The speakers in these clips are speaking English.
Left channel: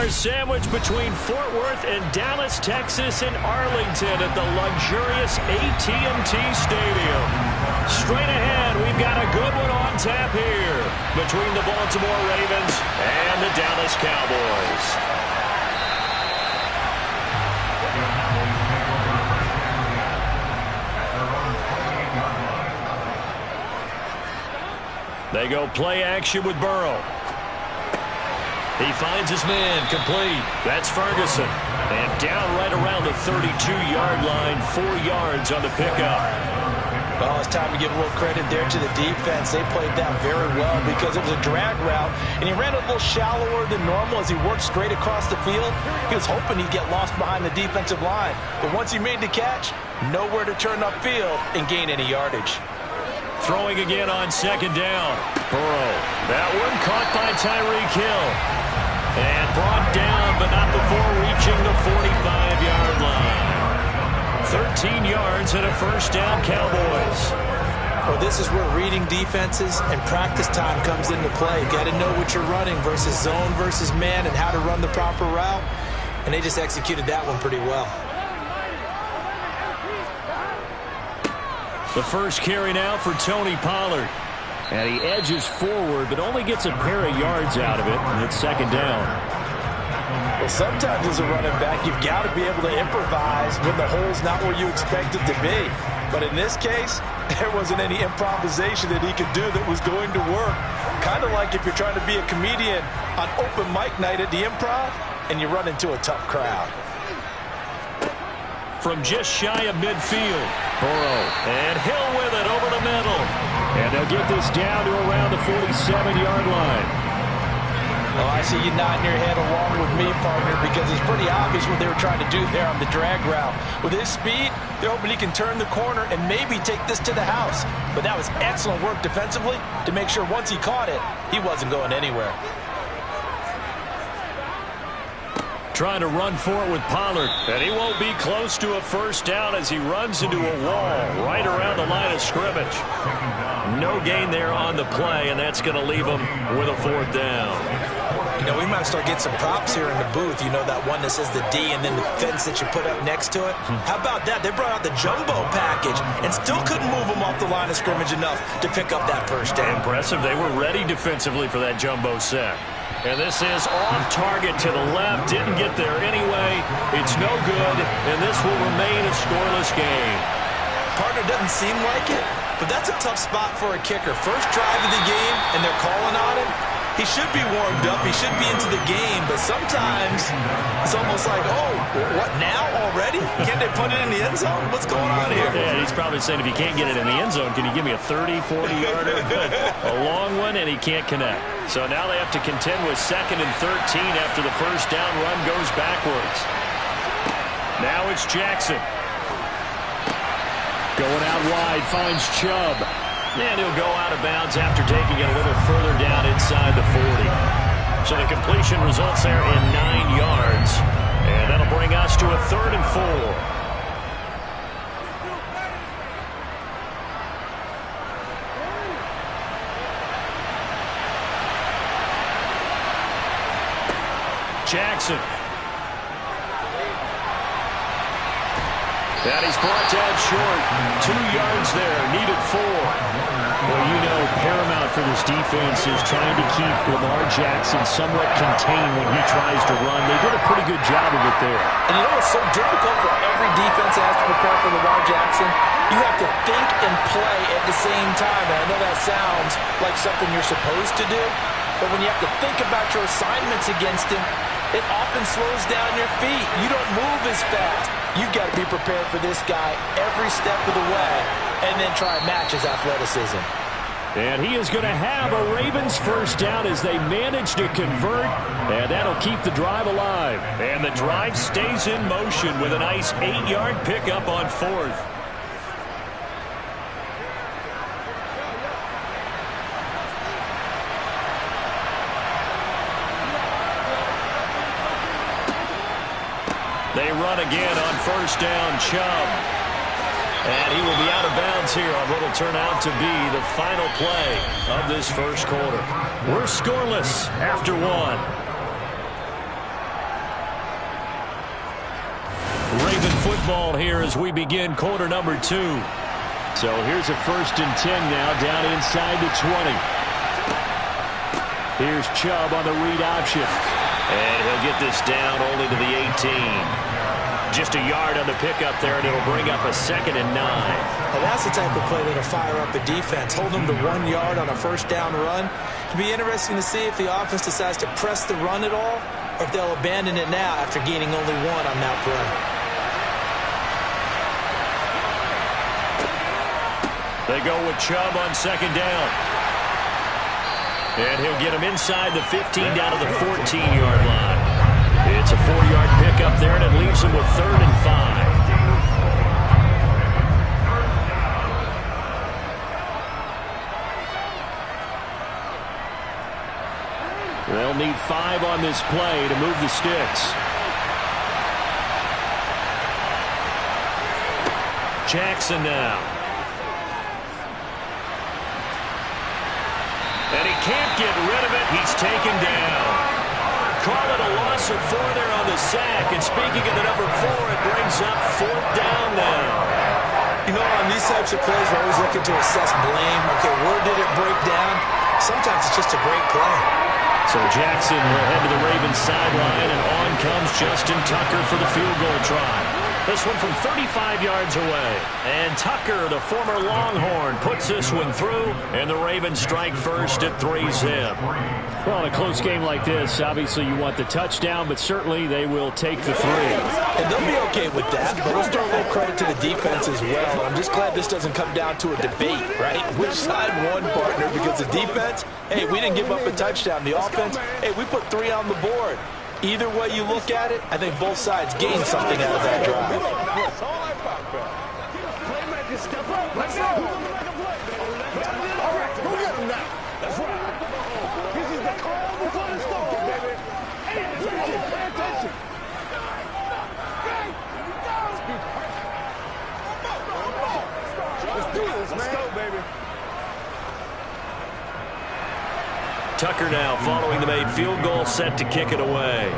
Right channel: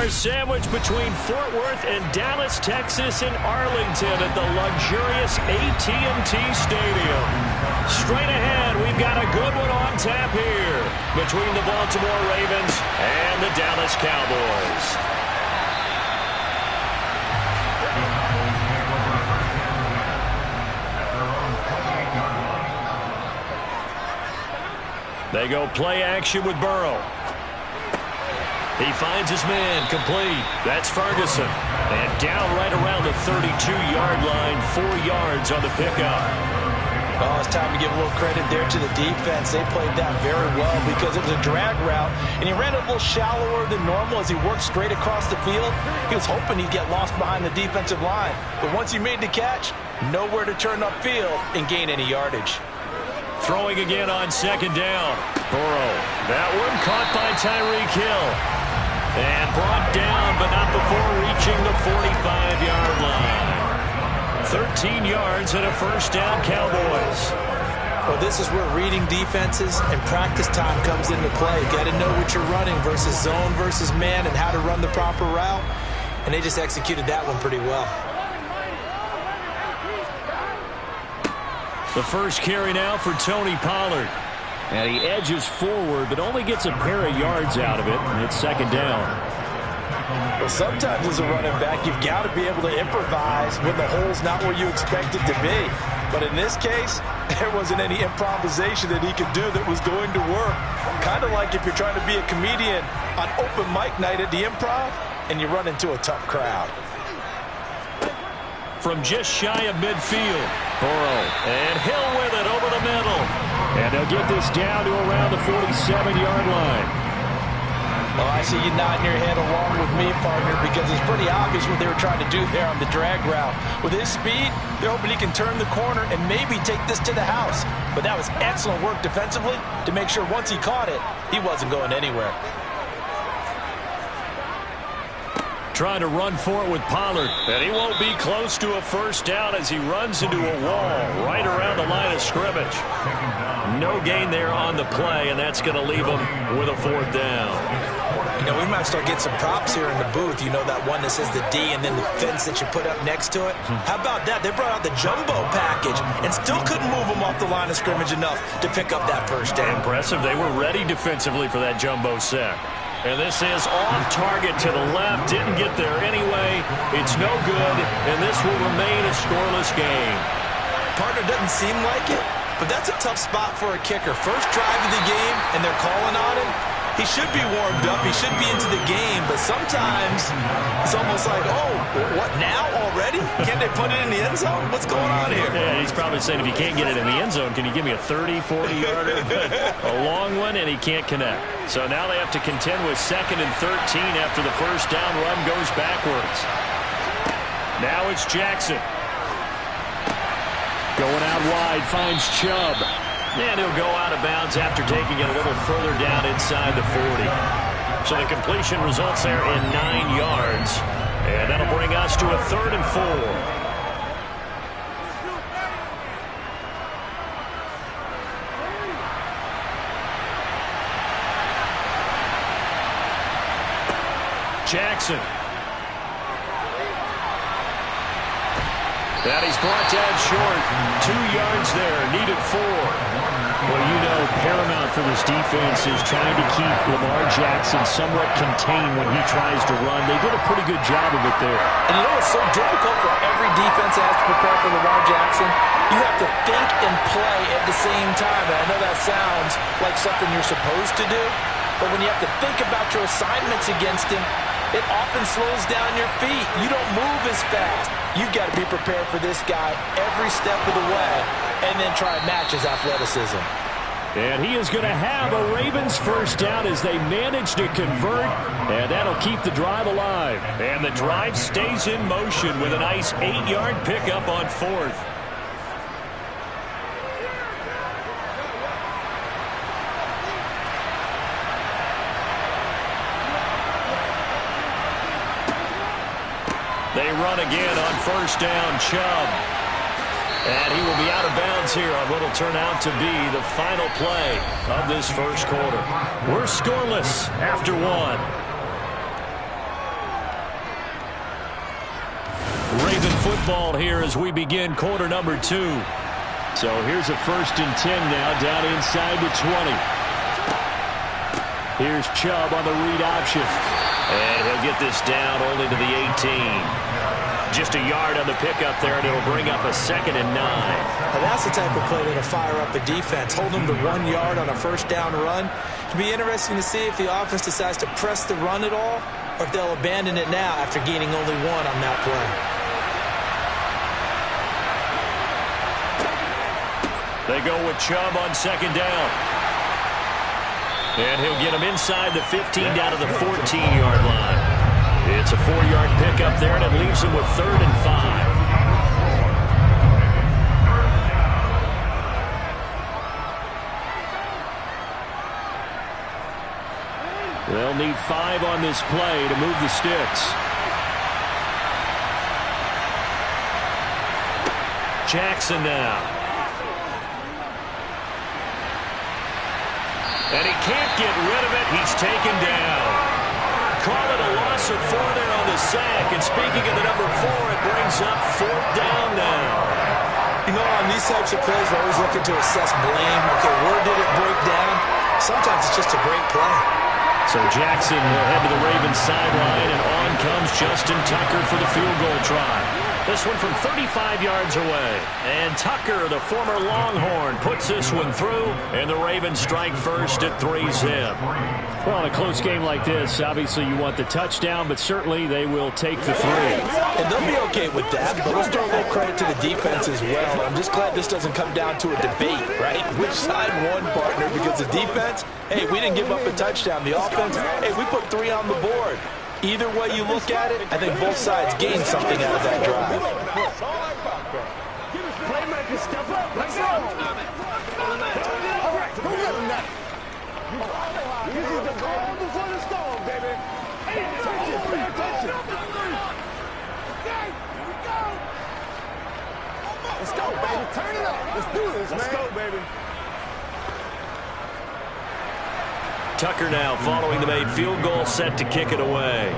our sandwich between Fort Worth and Dallas, Texas and Arlington at the luxurious AT&T Stadium. Straight ahead, we've got a good one on tap here between the Baltimore Ravens and the Dallas Cowboys. They go play action with Burrow. He finds his man, complete. That's Ferguson. And down right around the 32-yard line, 4 yards on the pickup. Well, it's time to give a little credit there to the defense. They played that very well because it was a drag route, and he ran a little shallower than normal as he worked straight across the field. He was hoping he'd get lost behind the defensive line. But once he made the catch, nowhere to turn upfield and gain any yardage. Throwing again on second down. Burrow. That one caught by Tyreek Hill. And brought down, but not before reaching the 45-yard line. 13 yards and a first down, Cowboys. Well, this is where reading defenses and practice time comes into play. Got to know what you're running versus zone versus man and how to run the proper route. And they just executed that one pretty well. The first carry now for Tony Pollard. And he edges forward, but only gets a pair of yards out of it, and it's second down. Well, sometimes as a running back, you've got to be able to improvise when the hole's not where you expect it to be. But in this case, there wasn't any improvisation that he could do that was going to work. Kind of like if you're trying to be a comedian on open mic night at the Improv, and you run into a tough crowd. From just shy of midfield, Burrow, and Hill with it over the middle. And they'll get this down to around the 47-yard line. Well, I see you nodding your head along with me, partner, because it's pretty obvious what they were trying to do there on the drag route. With his speed, they're hoping he can turn the corner and maybe take this to the house. But that was excellent work defensively to make sure once he caught it, he wasn't going anywhere. Trying to run for it with Pollard, and he won't be close to a first down as he runs into a wall right around the line of scrimmage. No gain there on the play, and that's going to leave him with a fourth down. You know, we might start getting some props here in the booth. You know, that one that says the D and then the fence that you put up next to it? How about that? They brought out the jumbo package and still couldn't move him off the line of scrimmage enough to pick up that first down. Impressive. They were ready defensively for that jumbo set. And this is off target to the left. Didn't get there anyway. It's no good, and this will remain a scoreless game. Partner, doesn't seem like it, but that's a tough spot for a kicker. First drive of the game, and they're calling on him. He should be warmed up. He should be into the game, but sometimes it's almost like, oh, what, now already? Can't they put it in the end zone? What's going on here? Yeah, he's probably saying if you can't get it in the end zone, can you give me a 30, 40-yarder? A long one, and he can't connect. So now they have to contend with 2nd and 13 after the first down run goes backwards. Now it's Jackson. Going out wide, finds Chubb. And he'll go out of bounds after taking it a little further down inside the 40. So the completion results there in 9 yards. And that'll bring us to a 3rd and 4. Jackson. That he's brought down short. 2 yards there. Needed 4. Well, you know, paramount for this defense is trying to keep Lamar Jackson somewhat contained when he tries to run. They did a pretty good job of it there. And you know it's so difficult for every defense that has to prepare for Lamar Jackson? You have to think and play at the same time. And I know that sounds like something you're supposed to do, but when you have to think about your assignments against him, it often slows down your feet. You don't move as fast. You've got to be prepared for this guy every step of the way and then try and match his athleticism. And he is going to have a Ravens first down as they manage to convert, and that'll keep the drive alive. And the drive stays in motion with a nice 8-yard pickup on 4th. They run again on first down, Chubb. And he will be out of bounds here on what will turn out to be the final play of this first quarter. We're scoreless after 1. Raven football here as we begin quarter number 2. So here's a 1st and 10 now, down inside the 20. Here's Chubb on the read option. And he'll get this down only to the 18. Just a yard on the pickup there, and it'll bring up a 2nd and 9. Now that's the type of play that'll fire up a defense. Hold them to 1 yard on a 1st down run. It'll be interesting to see if the offense decides to press the run at all, or if they'll abandon it now after gaining only 1 on that play. They go with Chubb on 2nd down. And he'll get him inside the 15 down to the 14-yard line. It's a 4-yard pickup there, and it leaves him with 3rd and 5. They'll need 5 on this play to move the sticks. Jackson now. And he can't get rid of it. He's taken down. Call it a loss of 4 there on the sack. And speaking of the number 4, it brings up 4th down now. You know, on these types of plays, we're always looking to assess blame. Okay, where did it break down? Sometimes it's just a great play. So Jackson will head to the Ravens sideline, and on comes Justin Tucker for the field goal try. This one from 35 yards away. And Tucker, the former Longhorn, puts this one through, and the Ravens strike first at 3-zip. Well, in a close game like this, obviously you want the touchdown, but certainly they will take the 3. And they'll be okay with that, but let's throw a little credit to the defense as well. I'm just glad this doesn't come down to a debate, right? Which side won, partner? Because the defense, hey, we didn't give up a touchdown. The offense, hey, we put 3 on the board. Either way you look at it, I think both sides gained something out of that drive. Playmakers, step up. Let's go. All right, go get him now. This is the calm before the storm, baby. Pay attention, pay attention. Okay, here we go. Let's go. Let's do this, man. Let's go, baby. Tucker now following the made field goal, set to kick it away.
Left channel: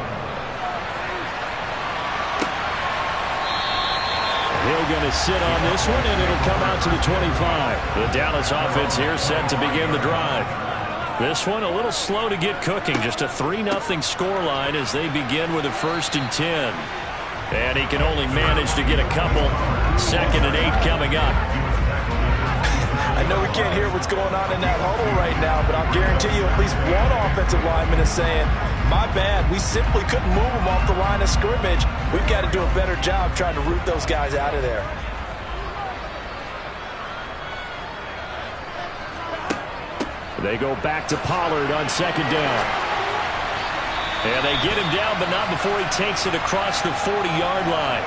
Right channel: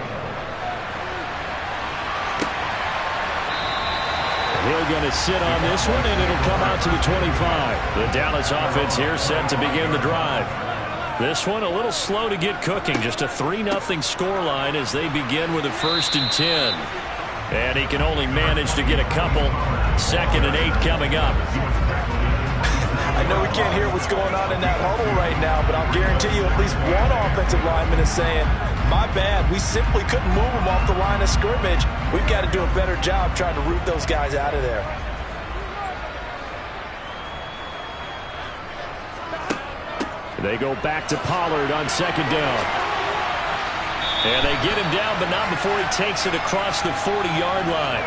He'll going to sit on this one, and it'll come out to the 25. The Dallas offense here set to begin the drive. This one a little slow to get cooking. Just a 3-0 scoreline as they begin with a 1st and 10. And he can only manage to get a couple. 2nd and 8 coming up. I know we can't hear what's going on in that huddle right now, but I'll guarantee you at least one offensive lineman is saying, my bad, we simply couldn't move them off the line of scrimmage. We've got to do a better job trying to root those guys out of there. They go back to Pollard on 2nd down. And they get him down, but not before he takes it across the 40-yard line.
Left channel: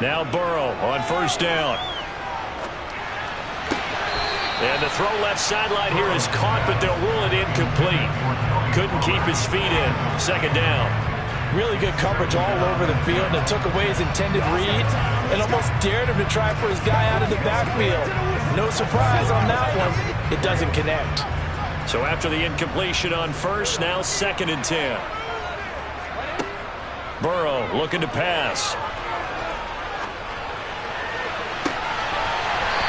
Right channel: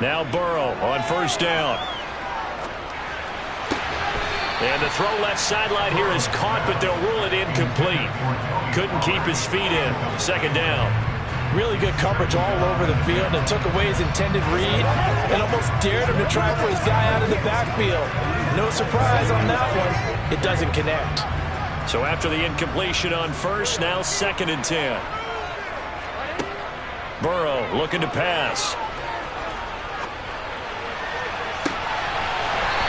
Now Burrow on 1st down. And the throw left sideline here is caught, but they'll rule it incomplete. Couldn't keep his feet in. 2nd down. Really good coverage all over the field, and took away his intended read and almost dared him to try for his guy out of the backfield. No surprise on that one. It doesn't connect. So after the incompletion on 1st, now 2nd and 10. Burrow looking to pass.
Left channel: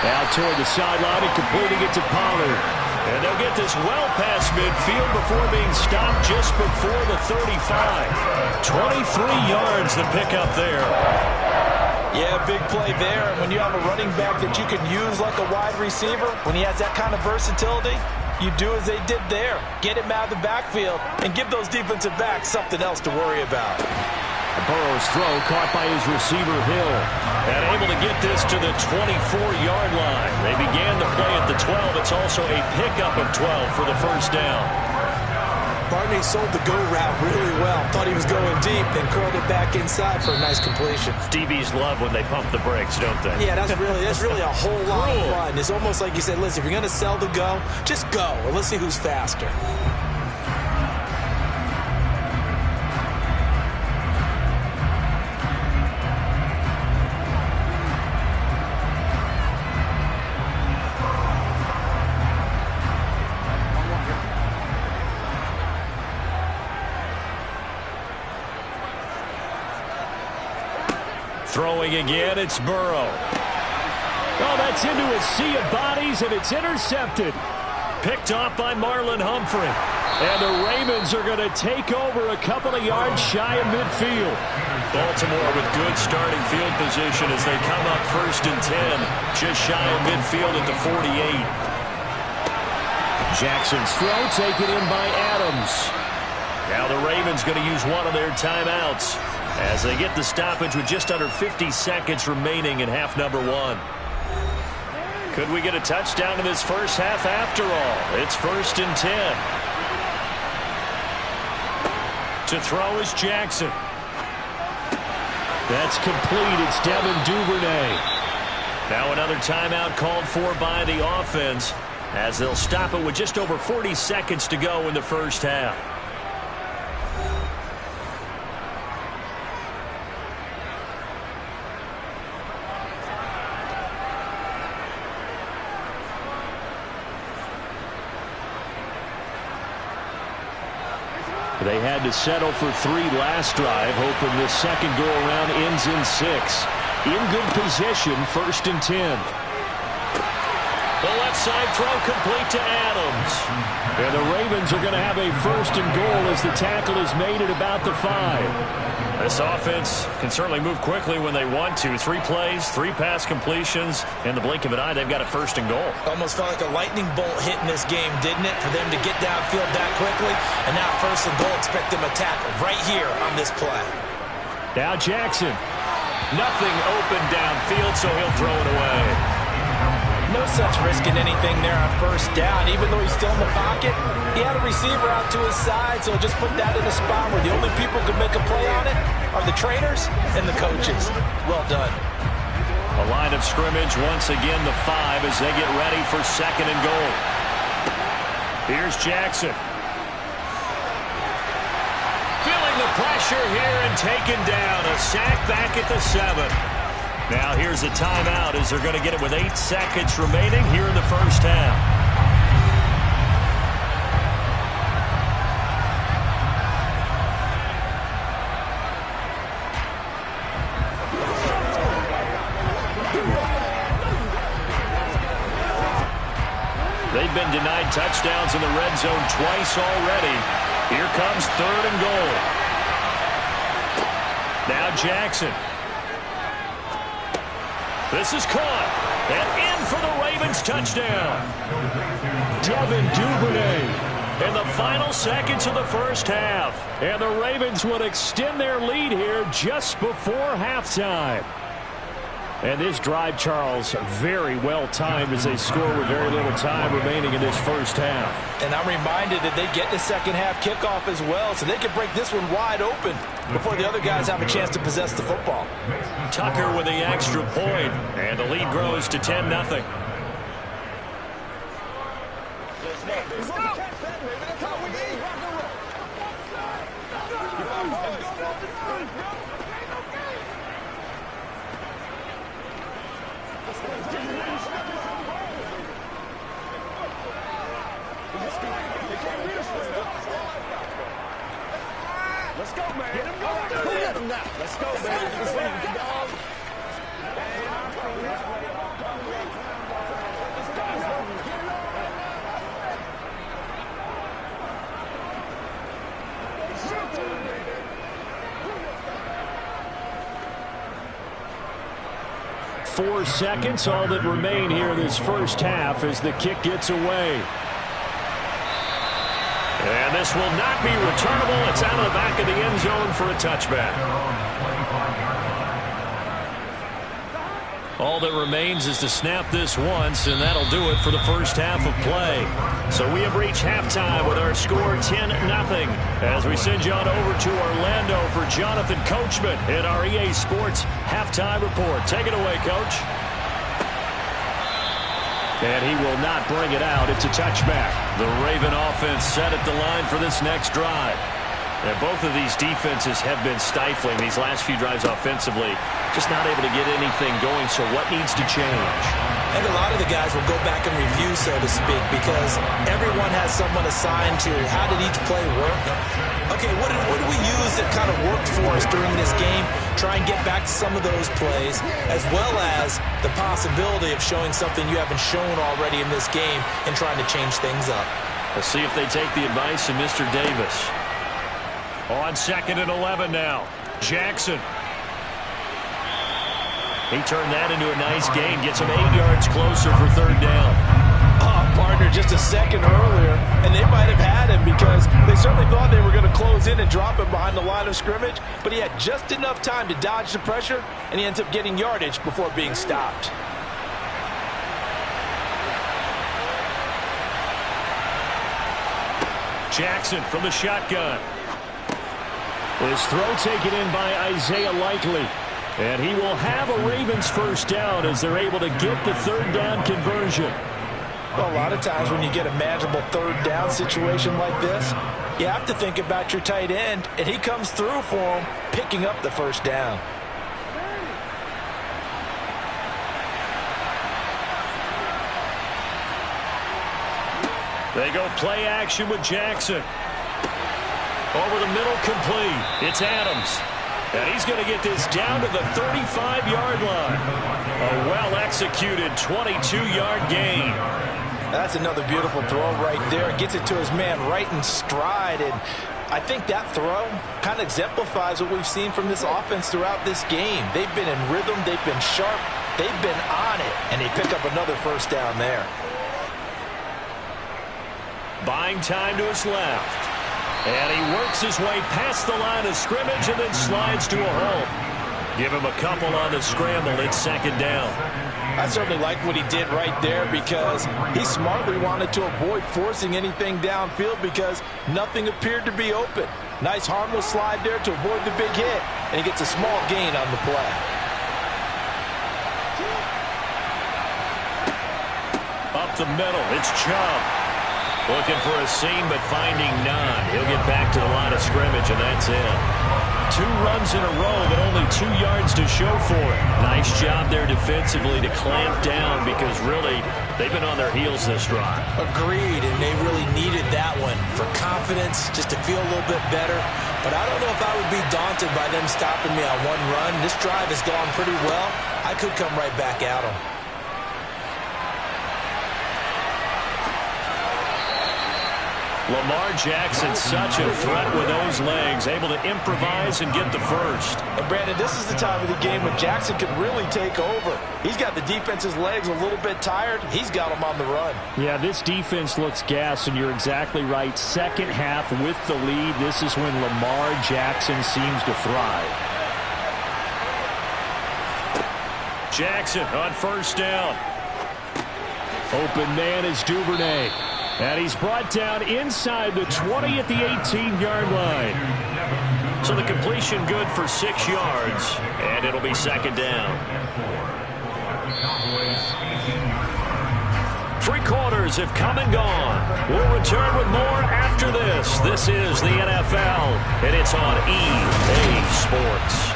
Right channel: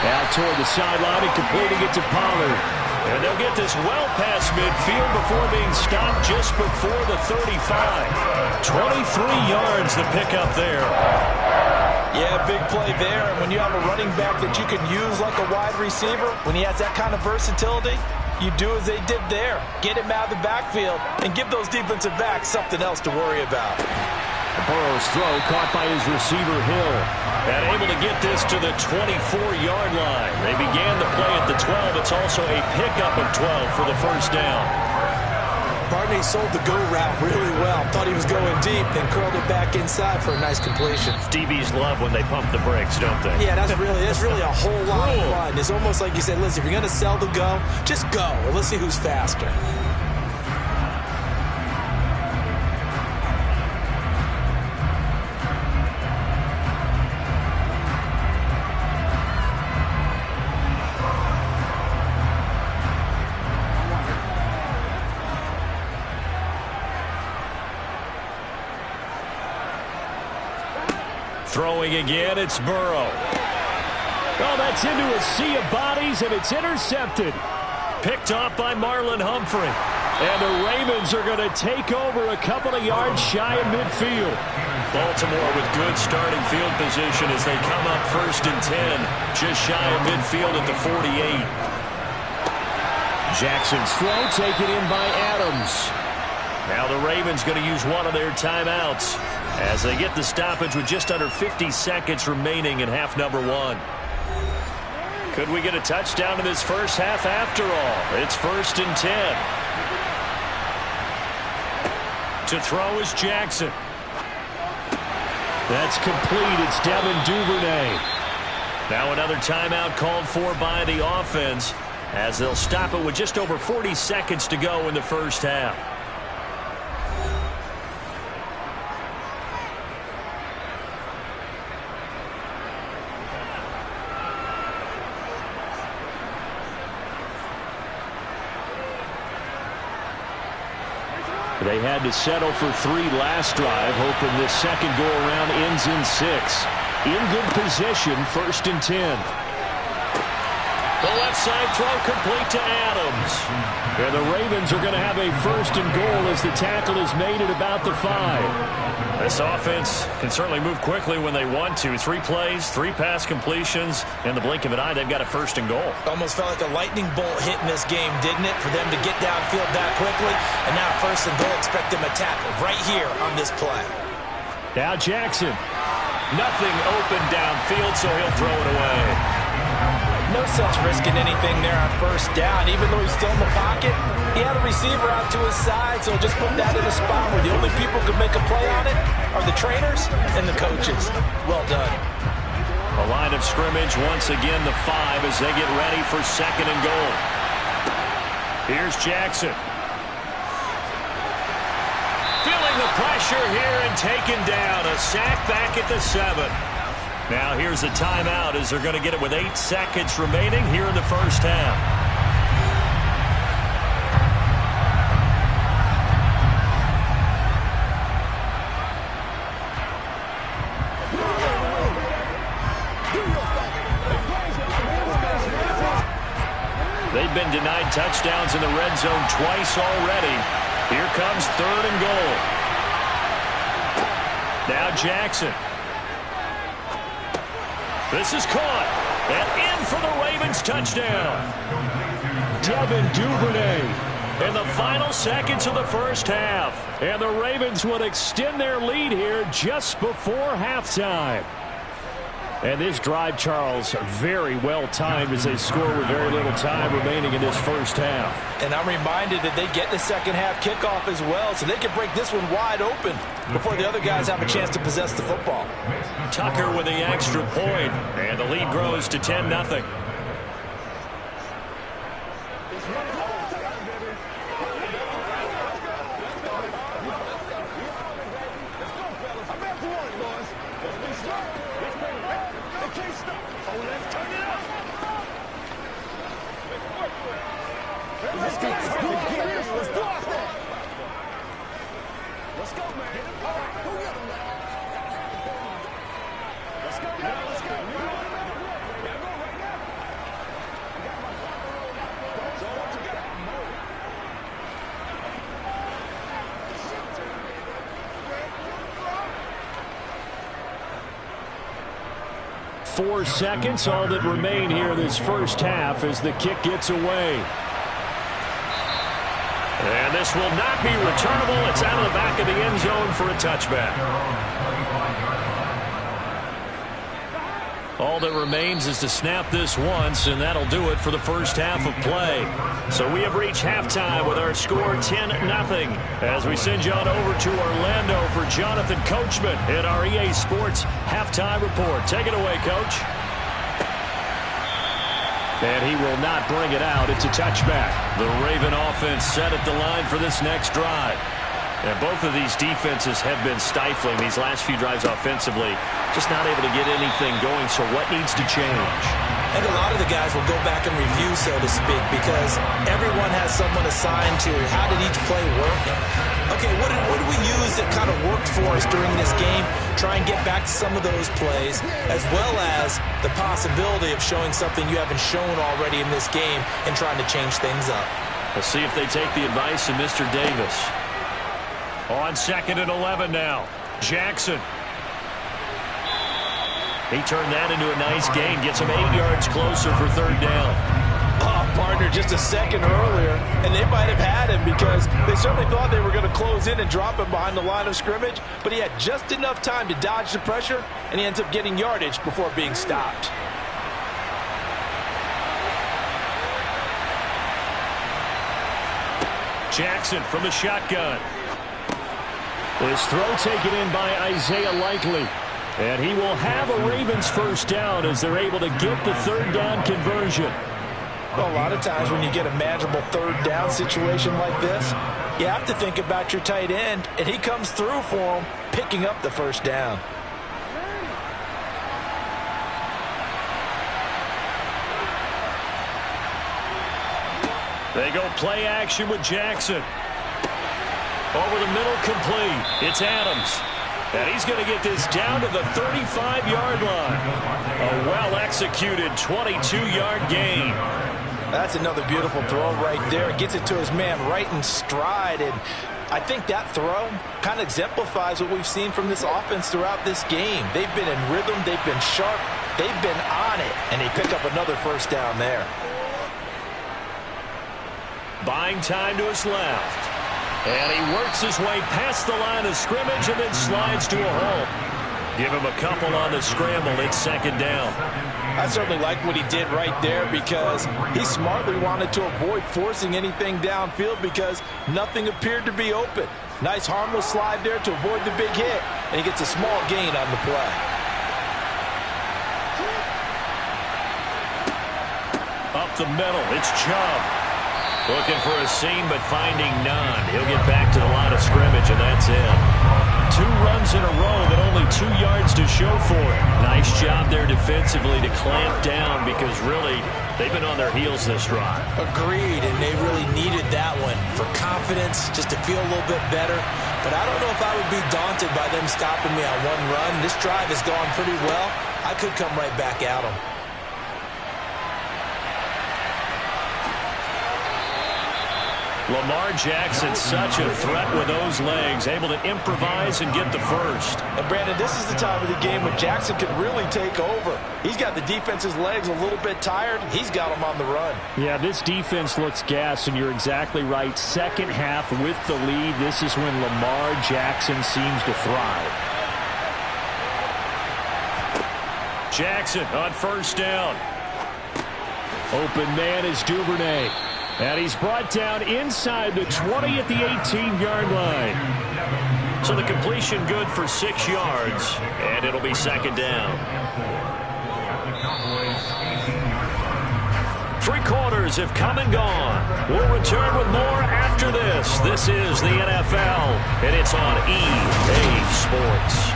Out toward the sideline and completing it to Pollard. And they'll get this well past midfield before being stopped just before the 35. 23 yards the pickup there. Yeah, big play there. And when you have a running back that you can use like a wide receiver, when he has that kind of versatility, you do as they did there. Get him out of the backfield and give those defensive backs something else to worry about. Burrow's throw caught by his receiver, Hill. And able to get this to the 24-yard line. They began the play at the 12. It's also a pickup of 12 for the 1st down. Barney sold the go route really well. Thought he was going deep, then curled it back inside for a nice completion. DBs love when they pump the brakes, don't they? Yeah, that's really a whole lot of fun. It's almost like you said, listen, if you're going to sell the go, just go. And let's see who's faster. Throwing again, it's Burrow. Oh, that's into a sea of bodies, and it's intercepted. Picked off by Marlon Humphrey. And the Ravens are going to take over a couple of yards shy of midfield. Baltimore with good starting field position as they come up 1st and 10. Just shy of midfield at the 48. Jackson's throw taken in by Adams. Now the Ravens going to use one of their timeouts as they get the stoppage with just under 50 seconds remaining in half number 1. Could we get a touchdown in this first half after all? It's 1st and 10. To throw is Jackson. That's complete. It's Devin Duvernay. Now another timeout called for by the offense as they'll stop it with just over 40 seconds to go in the first half. They had to settle for 3 last drive, hoping this second go-around ends in 6. In good position, 1st and 10. The left side throw complete to Adams. And the Ravens are going to have a 1st and goal as the tackle is made at about the 5. This offense can certainly move quickly when they want to. 3 plays, 3 pass completions. In the blink of an eye, they've got a 1st and goal. Almost felt like a lightning bolt hit in this game, didn't it? For them to get downfield that quickly. And now 1st and goal, expect them to tackle right here on this play. Now Jackson. Nothing open downfield, so he'll throw it away. No sense risking anything there on 1st down. Even though he's still in the pocket, he had a receiver out to his side, so just put that in a spot where the only people who can make a play on it are the trainers and the coaches. Well done. A line of scrimmage, once again the 5 as they get ready for 2nd and goal. Here's Jackson. Feeling the pressure here and taken down. A sack back at the 7. Now here's a timeout as they're going to get it with 8 seconds remaining here in the first half. They've been denied touchdowns in the red zone twice already. Here comes 3rd and goal. Now Jackson. This is caught. And in for the Ravens touchdown. Devin Duvernay in the final seconds of the first half. And the Ravens would extend their lead here just before halftime. And this drive, Charles, very well timed as they score with very little time remaining in this first half. And I'm reminded that they get the second half kickoff as well, so they can break this one wide open before the other guys have a chance to possess the football. Tucker with the extra point, and the lead grows to 10-0. Let's go, man. All right, go get him now. Let's go, man. Let's go. Four seconds, all that remain here in this first half as the kick gets away. And this will not be returnable. It's out of the back of the end zone for a touchback. All that remains is to snap this once, and that'll do it for the first half of play. So we have reached halftime with our score 10-0. As we send you on over to Orlando for Jonathan Coachman in our EA Sports Halftime Report. Take it away, Coach. And he will not bring it out. It's a touchback. The Raven offense set at the line for this next drive. And both of these defenses have been stifling these last few drives offensively. Just not able to get anything going, so what needs to change? I think a lot of the guys will go back and review, so to speak, because everyone has someone assigned to how did each play work. Okay, what did we use that kind of worked for us during this game? Try and get back to some of those plays, as well as the possibility of showing something you haven't shown already in this game and trying to change things up. We'll see if they take the advice of Mr. Davis. On 2nd and 11 now. Jackson. He turned that into a nice gain. Gets him 8 yards closer for 3rd down. Oh, partner, just a second earlier, and they might have had him because they certainly thought they were going to close in and drop him behind the line of scrimmage, but he had just enough time to dodge the pressure, and he ends up getting yardage before being stopped. Jackson from the shotgun. His throw taken in by Isaiah Likely. And he will have a Ravens 1st down as they're able to get the 3rd down conversion. Well, a lot of times when you get a manageable 3rd down situation like this, you have to think about your tight end, and he comes through for him, picking up the 1st down. They go play action with Jackson. Over the middle, complete. It's Adams. And he's going to get this down to the 35-yard line. A well-executed 22-yard gain. That's another beautiful throw right there. It gets it to his man right in stride. And I think that throw kind of exemplifies what we've seen from this offense throughout this game. They've been in rhythm. They've been sharp. They've been on it. And they pick up another 1st down there. Buying time to his left. And he works his way past the line of scrimmage and then slides to a halt. Give him a couple on the scramble. It's 2nd down. I certainly like what he did right there because he smartly wanted to avoid forcing anything downfield because nothing appeared to be open. Nice harmless slide there to avoid the big hit, and he gets a small gain on the play. Up the middle, it's Chubb. Looking for a seam, but finding none. He'll get back to the line of scrimmage, and that's it. 2 runs in a row, but only 2 yards to show for it. Nice job there defensively to clamp down because really they've been on their heels this drive. Agreed, and they really needed that one for confidence, just to feel a little bit better. But I don't know if I would be daunted by them stopping me on 1 run. This drive has gone pretty well. I could come right back at them. Lamar Jackson, such a threat with those legs, able to improvise and get the 1st. And Brandon, this is the time of the game when Jackson could really take over. He's got the defense's legs a little bit tired. He's got them on the run. Yeah, this defense looks gassed, and you're exactly right. 2nd half with the lead, this is when Lamar Jackson seems to thrive. Jackson on 1st down. Open man is Duvernay. And he's brought down inside the 20 at the 18-yard line. So the completion good for 6 yards, and it'll be 2nd down. 3 quarters have come and gone. We'll return with more after this. This is the NFL, and it's on EA Sports.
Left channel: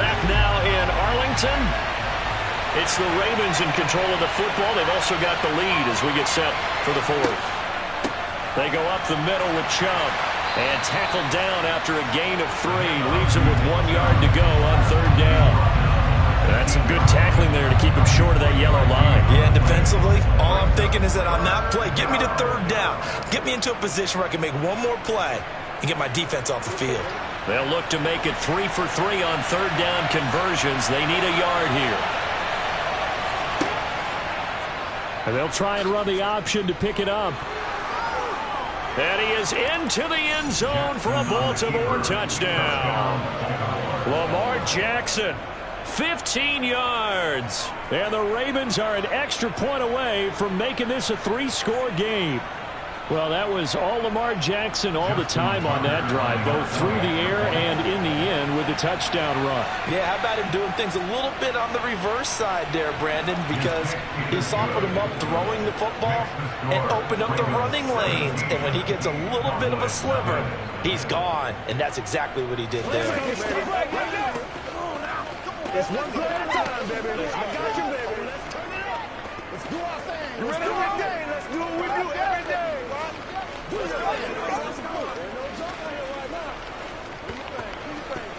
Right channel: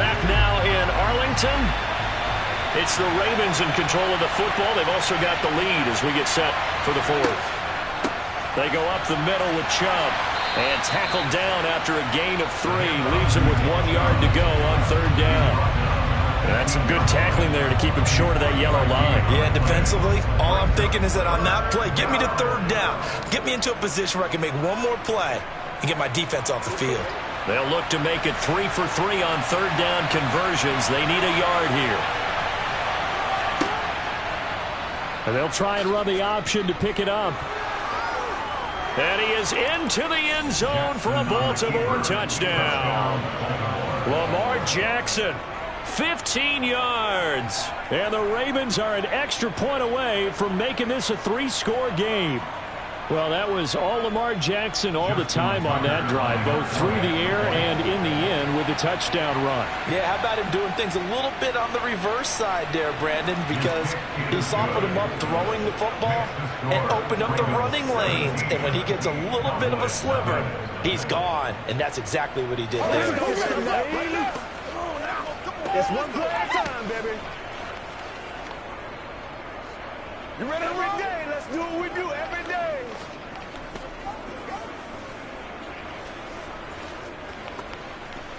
Back now in Arlington. It's the Ravens in control of the football. They've also got the lead as we get set for the 4th. They go up the middle with Chubb and tackled down after a gain of 3. Leaves him with 1 yard to go on 3rd down. And that's some good tackling there to keep him short of that yellow line. Yeah, defensively, all I'm thinking is that on that play, get me to 3rd down. Get me into a position where I can make 1 more play and get my defense off the field. They'll look to make it 3 for 3 on 3rd down conversions. They need a yard here. And they'll try and run the option to pick it up. And he is into the end zone for a Baltimore touchdown. Lamar Jackson, 15 yards. And the Ravens are an extra point away from making this a 3-score game. Well, that was all Lamar Jackson all the time on that drive, both through the air and in the end with a touchdown run. Yeah, how about him doing things a little bit on the reverse side there, Brandon, because he softened him up throwing the football and opened up the running lanes. And when he gets a little bit of a sliver, he's gone. And that's exactly what he did there. It's 1 play at a time, baby. You ready every day? Let's do what we do every day.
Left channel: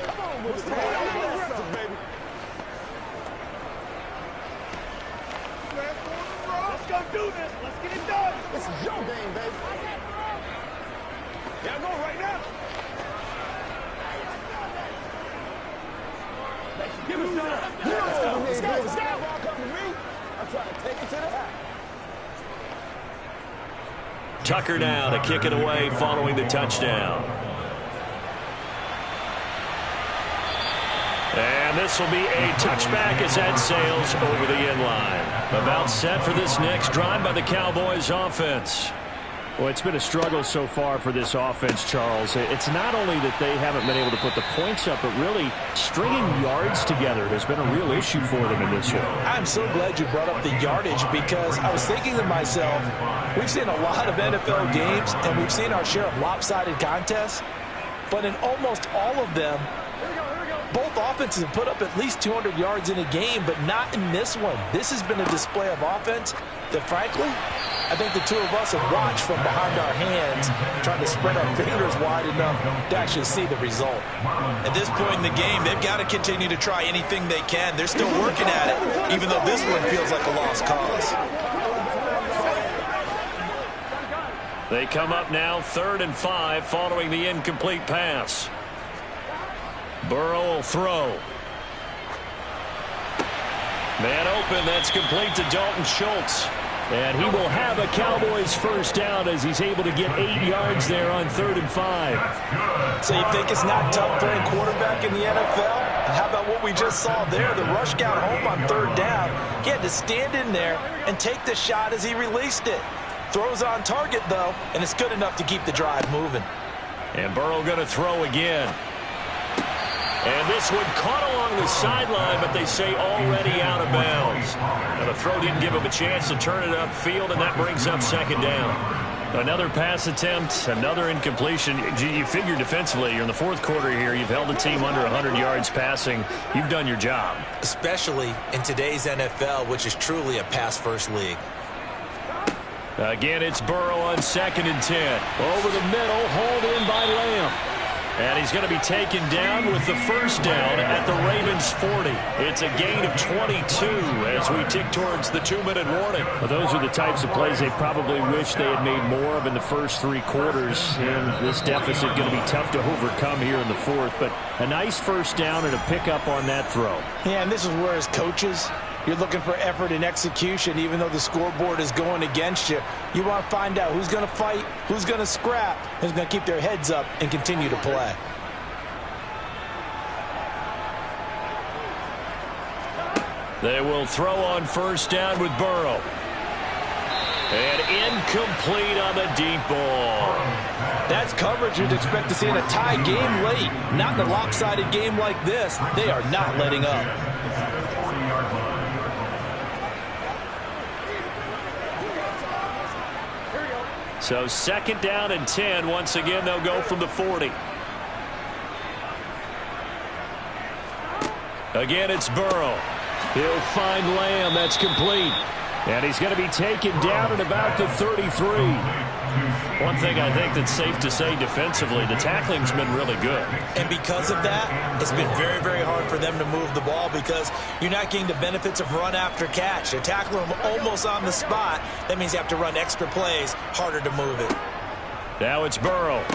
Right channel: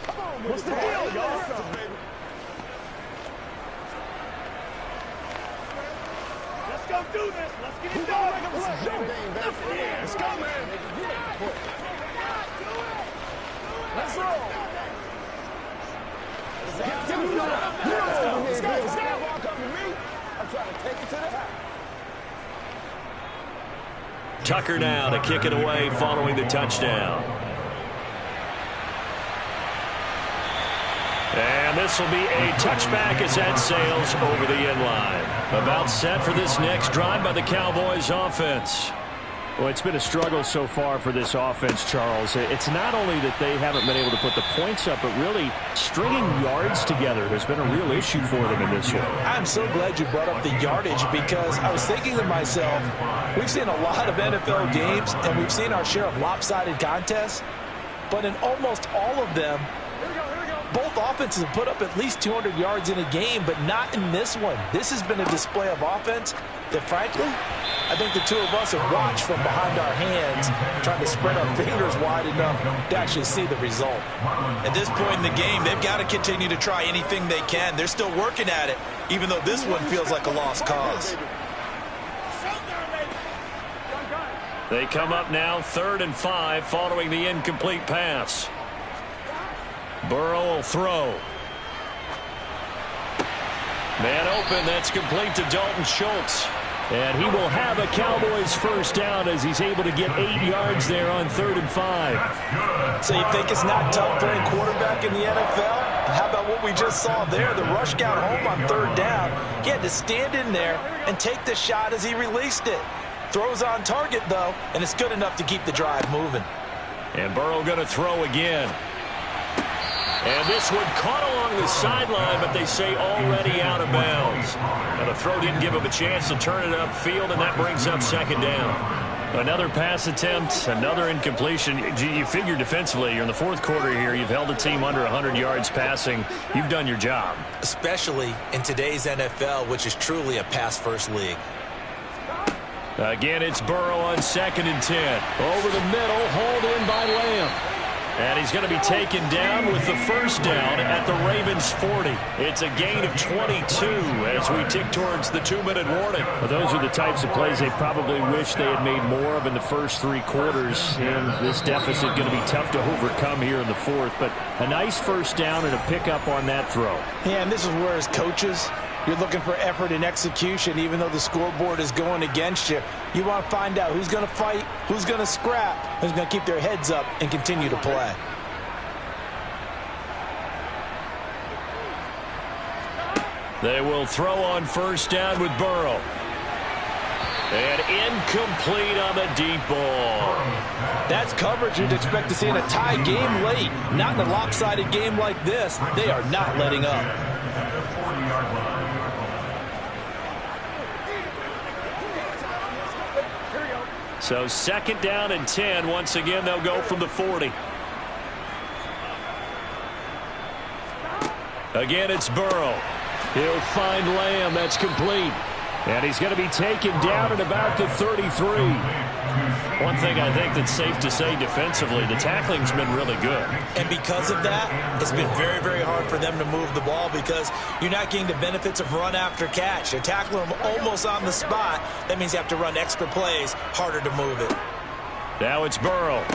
Come on, what's the deal, baby? Let's go do this. Let's get it done. This is your game, baby. Let's go, man. Y'all go right now. Let's go. Give us that. Let's go. Let's go. Ball come to me. I'm trying to take it to the house. Tucker now to kick it away following the touchdown. And this will be a touchback as that sails over the end line. About set for this next drive by the Cowboys offense. Well, it's been a struggle so far for this offense, Charles. It's not only that they haven't been able to put the points up, but really stringing yards together has been a real issue for them in this one. I'm so glad you brought up the yardage because I was thinking to myself, we've seen a lot of NFL games and we've seen our share of lopsided contests, but in almost all of them, both offenses have put up at least 200 yards in a game, but not in this one. This has been a display of offense that, frankly, I think the two of us have watched from behind our hands, trying to spread our fingers wide enough to actually see the result. At this point in the game, they've got to continue to try anything they can. They're still working at it, even though this one feels like a lost cause. They come up now 3rd and 5 following the incomplete pass. Burrow will throw. Man open, that's complete to Dalton Schultz. And he will have a Cowboys first down as he's able to get 8 yards there on 3rd and 5. So you think it's not tough playing quarterback in the NFL? How about what we just saw there? The rush got home on 3rd down. He had to stand in there and take the shot as he released it. Throws on target, though, and it's good enough to keep the drive moving. And Burrow going to throw again. And this one caught along the sideline, but they say already out of bounds. Now the throw didn't give him a chance to turn it upfield, and that brings up 2nd down. Another pass attempt, another incompletion. You figure defensively, you're in the 4th quarter here. You've held the team under 100 yards passing. You've done your job. Especially in today's NFL, which is truly a pass-first league. Again, it's Burrow on 2nd and 10. Over the middle, hauled in by Lamb. And he's going to be taken down with the first down at the Ravens 40. It's a gain of 22 as we tick towards the 2-minute warning. Well, those are the types of plays they probably wish they had made more of in the first 3 quarters. And this deficit going to be tough to overcome here in the 4th. But a nice first down and a pickup on that throw. Yeah, and this is where as coaches, you're looking for effort and execution, even though the scoreboard is going against you. You want to find out who's going to fight, who's going to scrap, who's going to keep their heads up and continue to play. They will throw on first down with Burrow. And incomplete on the deep ball. That's coverage you'd expect to see in a tie game late. Not in a lopsided game like this. They are not letting up. So 2nd down and 10. Once again, they'll go from the 40. Again, it's Burrow. He'll find Lamb. That's complete. And he's going to be taken down at about the 33. One thing I think that's safe to say defensively, the tackling's been really good. And because of that, it's been very, very hard for them to move the ball because you're not getting the benefits of run after catch. You're tackling them almost on the spot. That means you have to run extra plays, harder to move it. Now it's Burrow.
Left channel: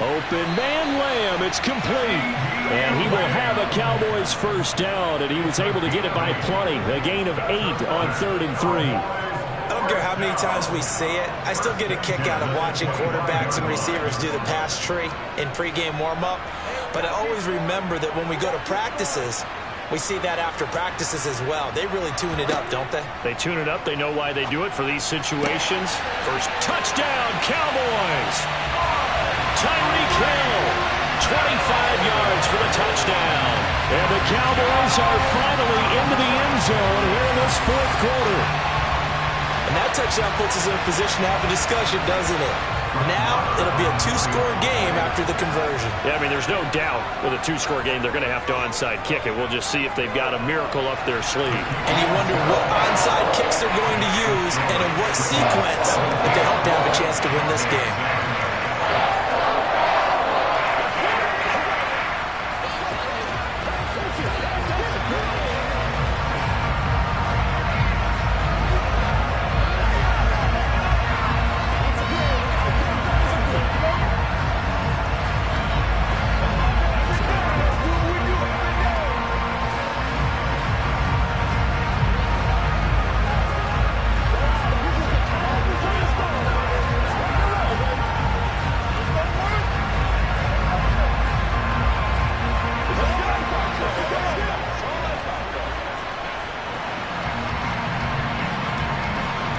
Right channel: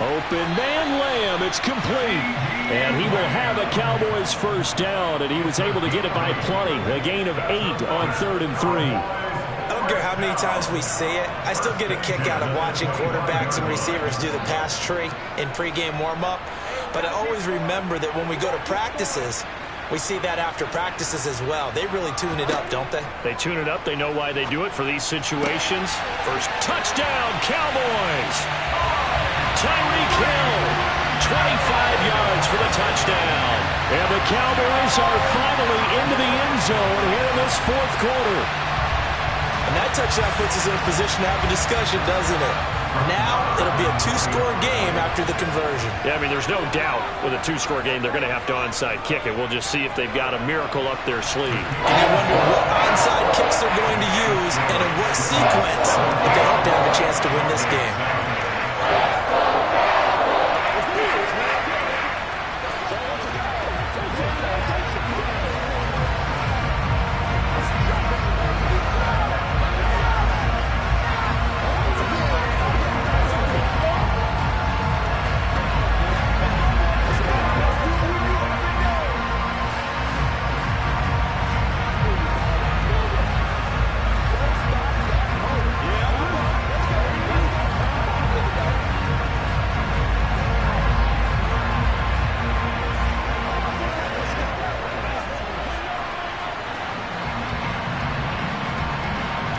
Open man Lamb. It's complete. And he will have a Cowboys first down, and he was able to get it by plenty. A gain of 8 on 3rd and 3. I don't care how many times we see it. I still get a kick out of watching quarterbacks and receivers do the pass tree in pregame warm-up. But I always remember that when we go to practices, we see that after practices as well. They really tune it up, don't they? They tune it up. They know why they do it for these situations. First touchdown, Cowboys. Tyreek Hill, 25 yards for the touchdown. And the Cowboys are finally into the end zone here in this 4th quarter. And that touchdown puts us in a position to have a discussion, doesn't it? Now it'll be a 2-score game after the conversion. Yeah, I mean, there's no doubt with a 2-score game they're going to have to onside kick it. We'll just see if they've got a miracle up their sleeve. And you wonder what onside kicks they're going to use and in what sequence if they hope to have a chance to win this game.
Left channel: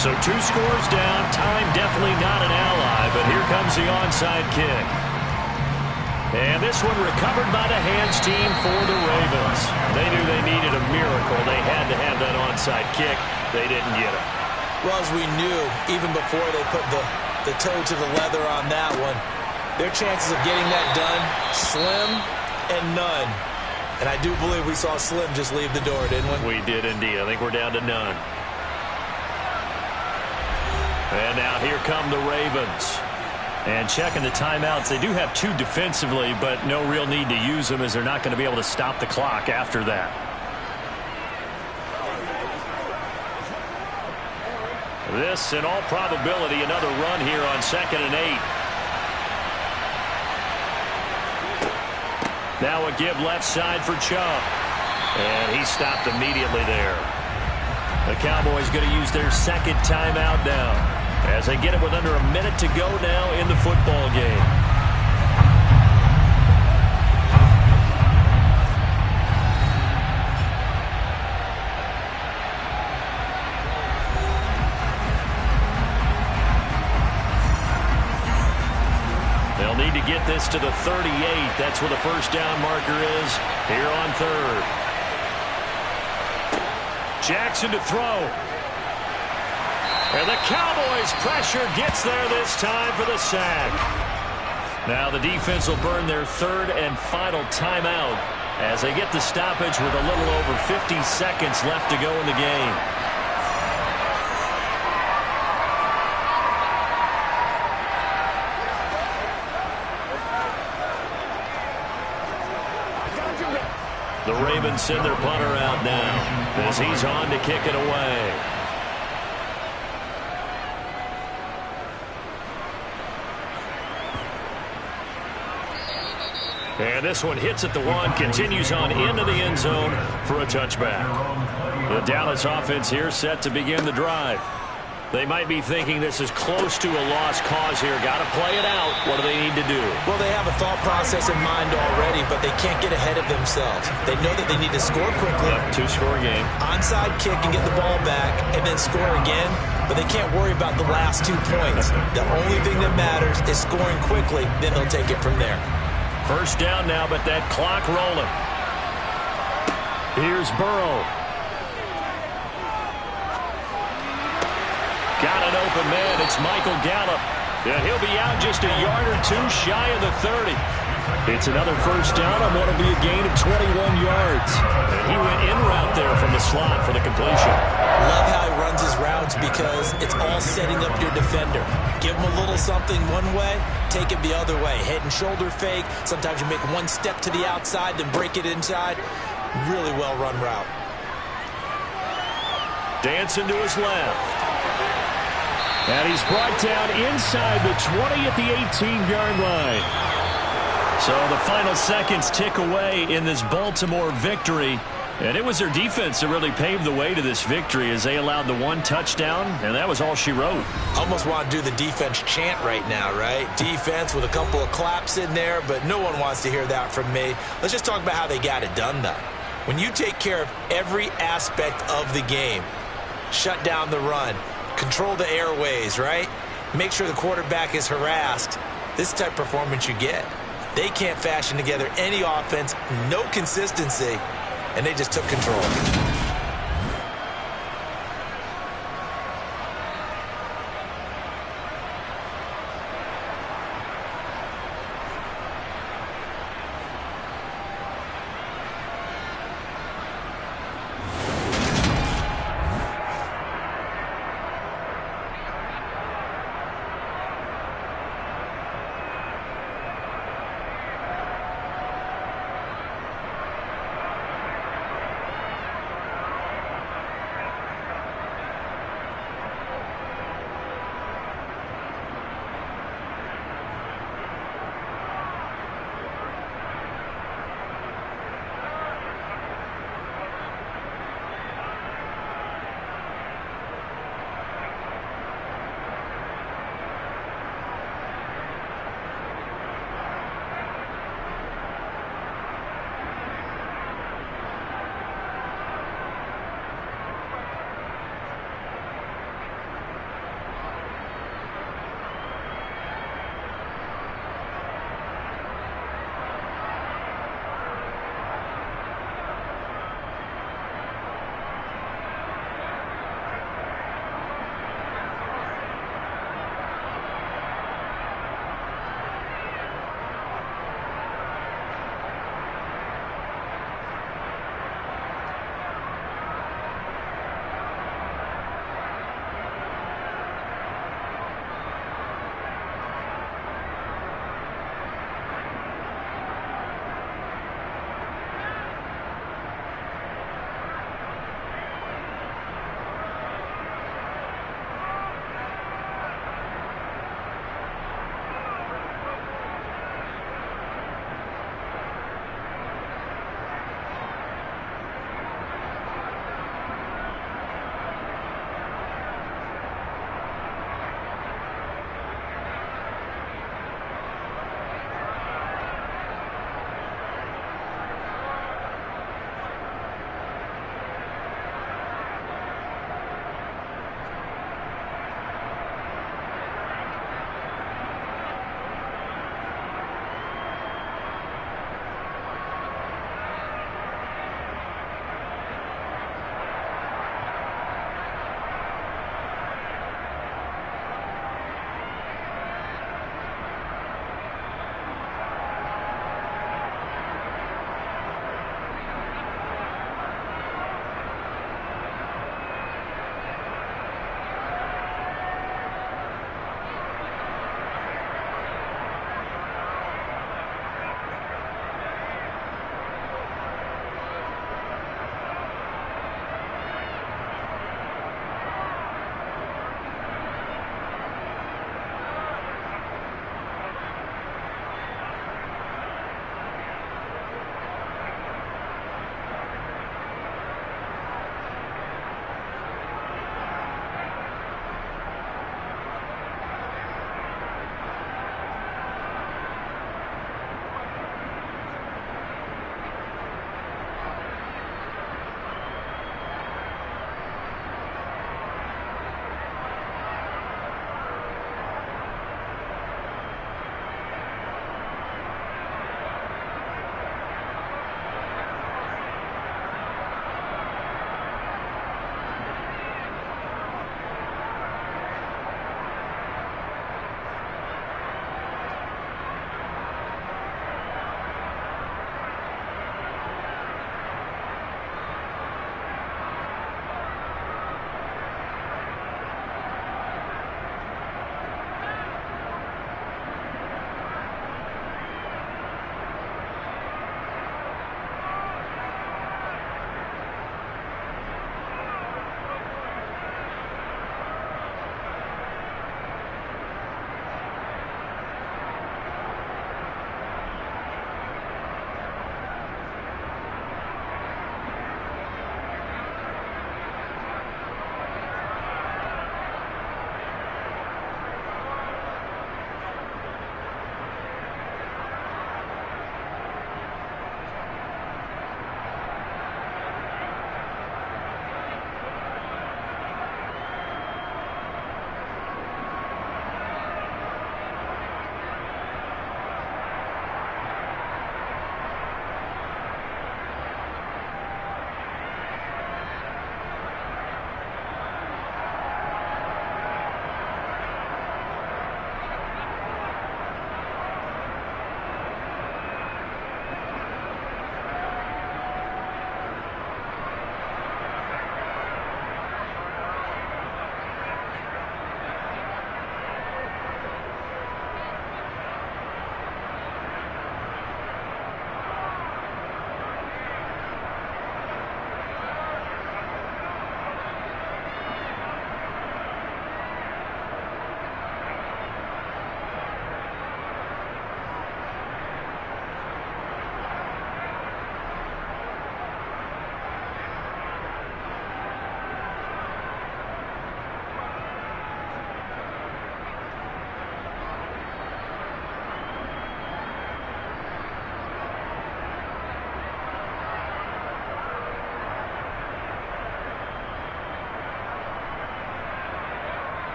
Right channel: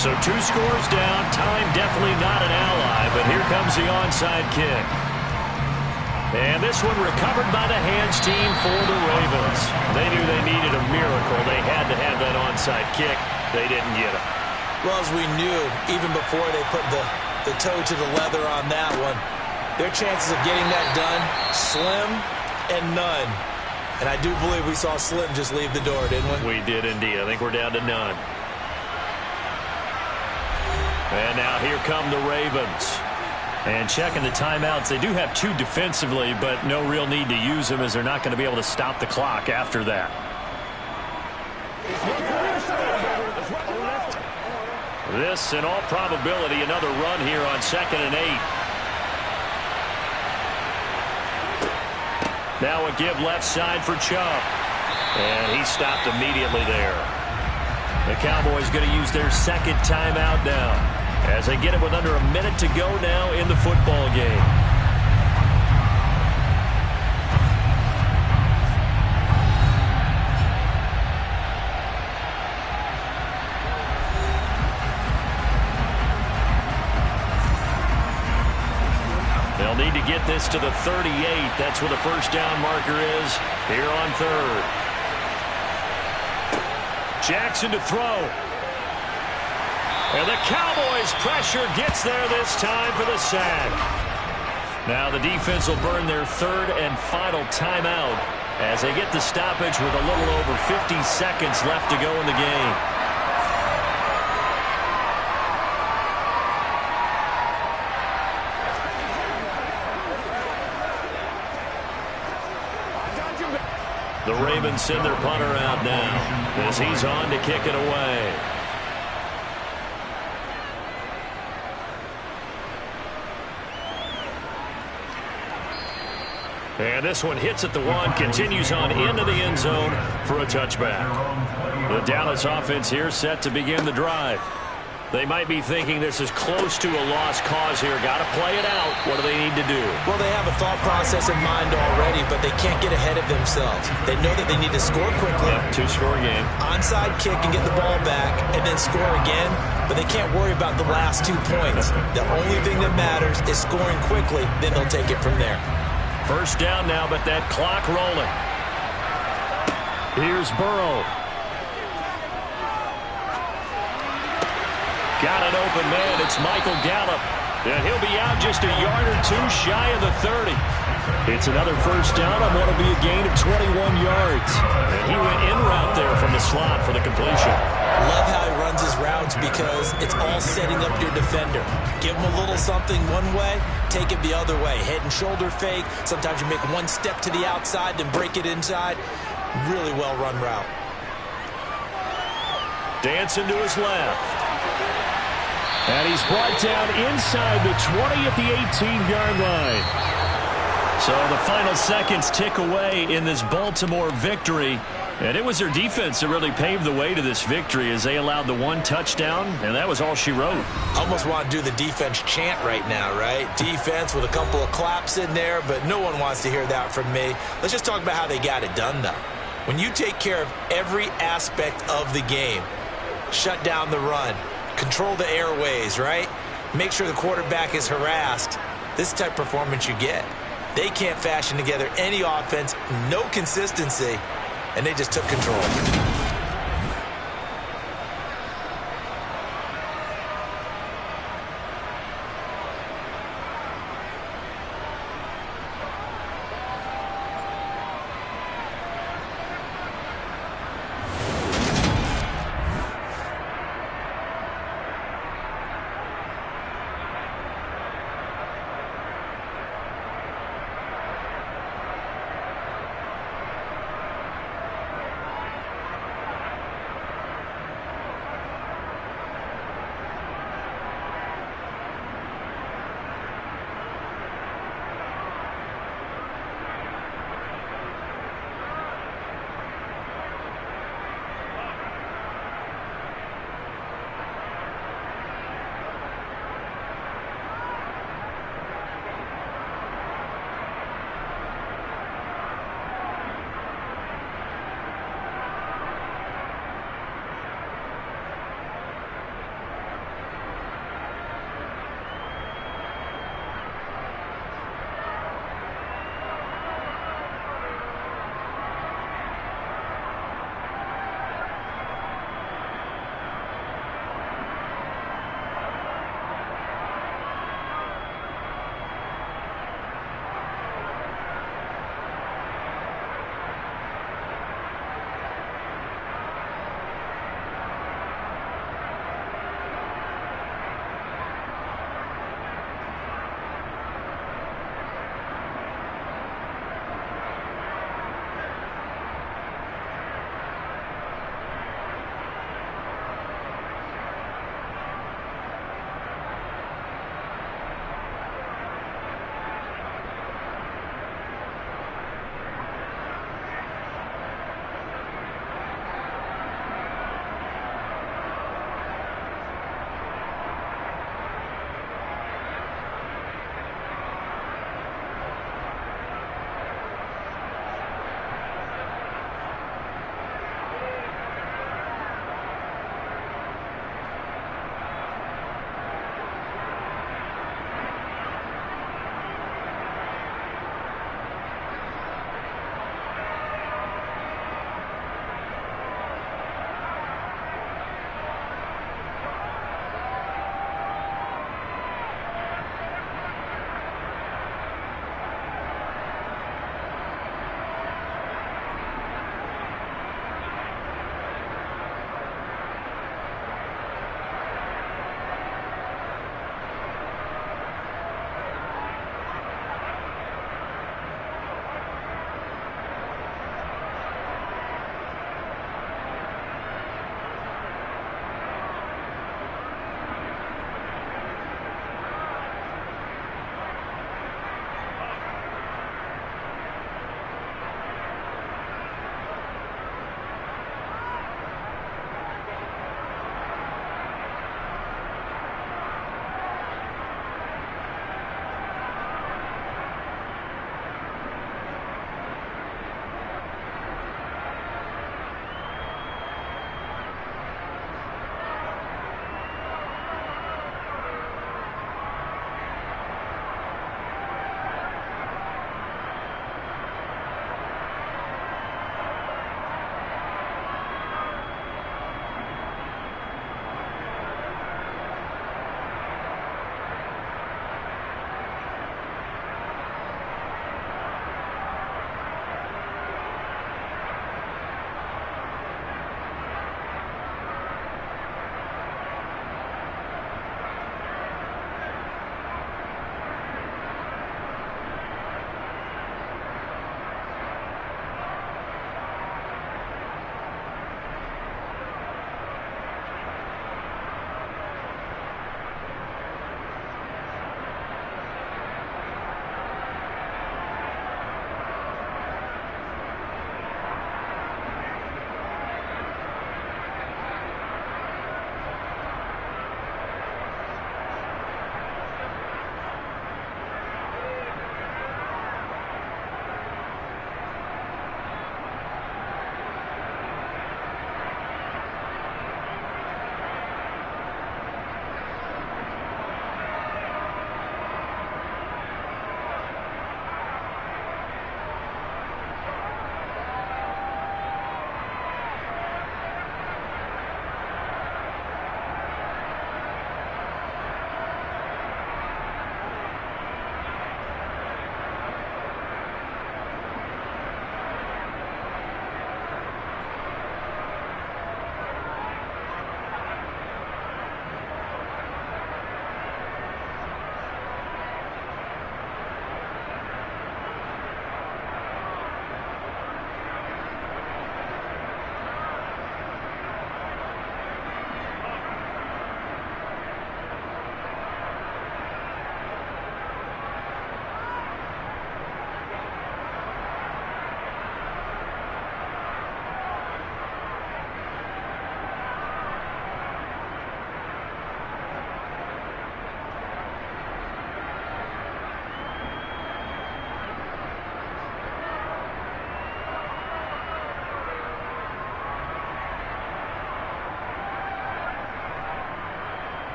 So 2 scores down. Time definitely not an ally, but here comes the onside kick. And this one recovered by the hands team for the Ravens. They knew they needed a miracle. They had to have that onside kick. They didn't get it. Well, as we knew, even before they put the toe to the leather on that one, their chances of getting that done, slim and none. And I do believe we saw Slim just leave the door, didn't we? We did indeed. I think we're down to none. And now here come the Ravens. And checking the timeouts, they do have 2 defensively, but no real need to use them as they're not going to be able to stop the clock after that. This, in all probability, another run here on 2nd and 8. Now a give left side for Chubb. And he stopped immediately there. The Cowboys going to use their 2nd timeout now, as they get it with under a minute to go now in the football game. They'll need to get this to the 38. That's where the first down marker is here on 3rd. Jackson to throw. And the Cowboys' pressure gets there this time for the sack. Now the defense will burn their 3rd and final timeout as they get the stoppage with a little over 50 seconds left to go in the game. The Ravens send their punter out now as he's on to kick it away. And this one hits at the 1, continues on into the end zone for a touchback. The Dallas offense here set to begin the drive. They might be thinking this is close to a lost cause here. Got to play it out. What do they need to do? Well, they have a thought process in mind already, but they can't get ahead of themselves. They know that they need to score quickly. Yep, 2-score game. Onside kick and get the ball back and then score again, but they can't worry about the last 2 points. The only thing that matters is scoring quickly, then they'll take it from there. First down now, but that clock rolling. Here's Burrow. Got an open man. It's Michael Gallup. And he'll be out just a yard or 2 shy of the 30. It's another first down on what will be a gain of 21 yards. And he went in route there from the slot for the completion. Love how he runs his routes because it's all setting up your defender. Give him a little something one way, take it the other way. Head and shoulder fake. Sometimes you make one step to the outside, then break it inside. Really well run route. Dancing to his left. And he's brought down inside the 20 at the 18-yard line. So the final seconds tick away in this Baltimore victory. And it was their defense that really paved the way to this victory as they allowed the 1 touchdown, and that was all she wrote. Almost want to do the defense chant right now, right? Defense with a couple of claps in there, but no one wants to hear that from me. Let's just talk about how they got it done, though. When you take care of every aspect of the game, shut down the run, control the airways, right? Make sure the quarterback is harassed. This type of performance you get. They can't fashion together any offense, no consistency, and they just took control.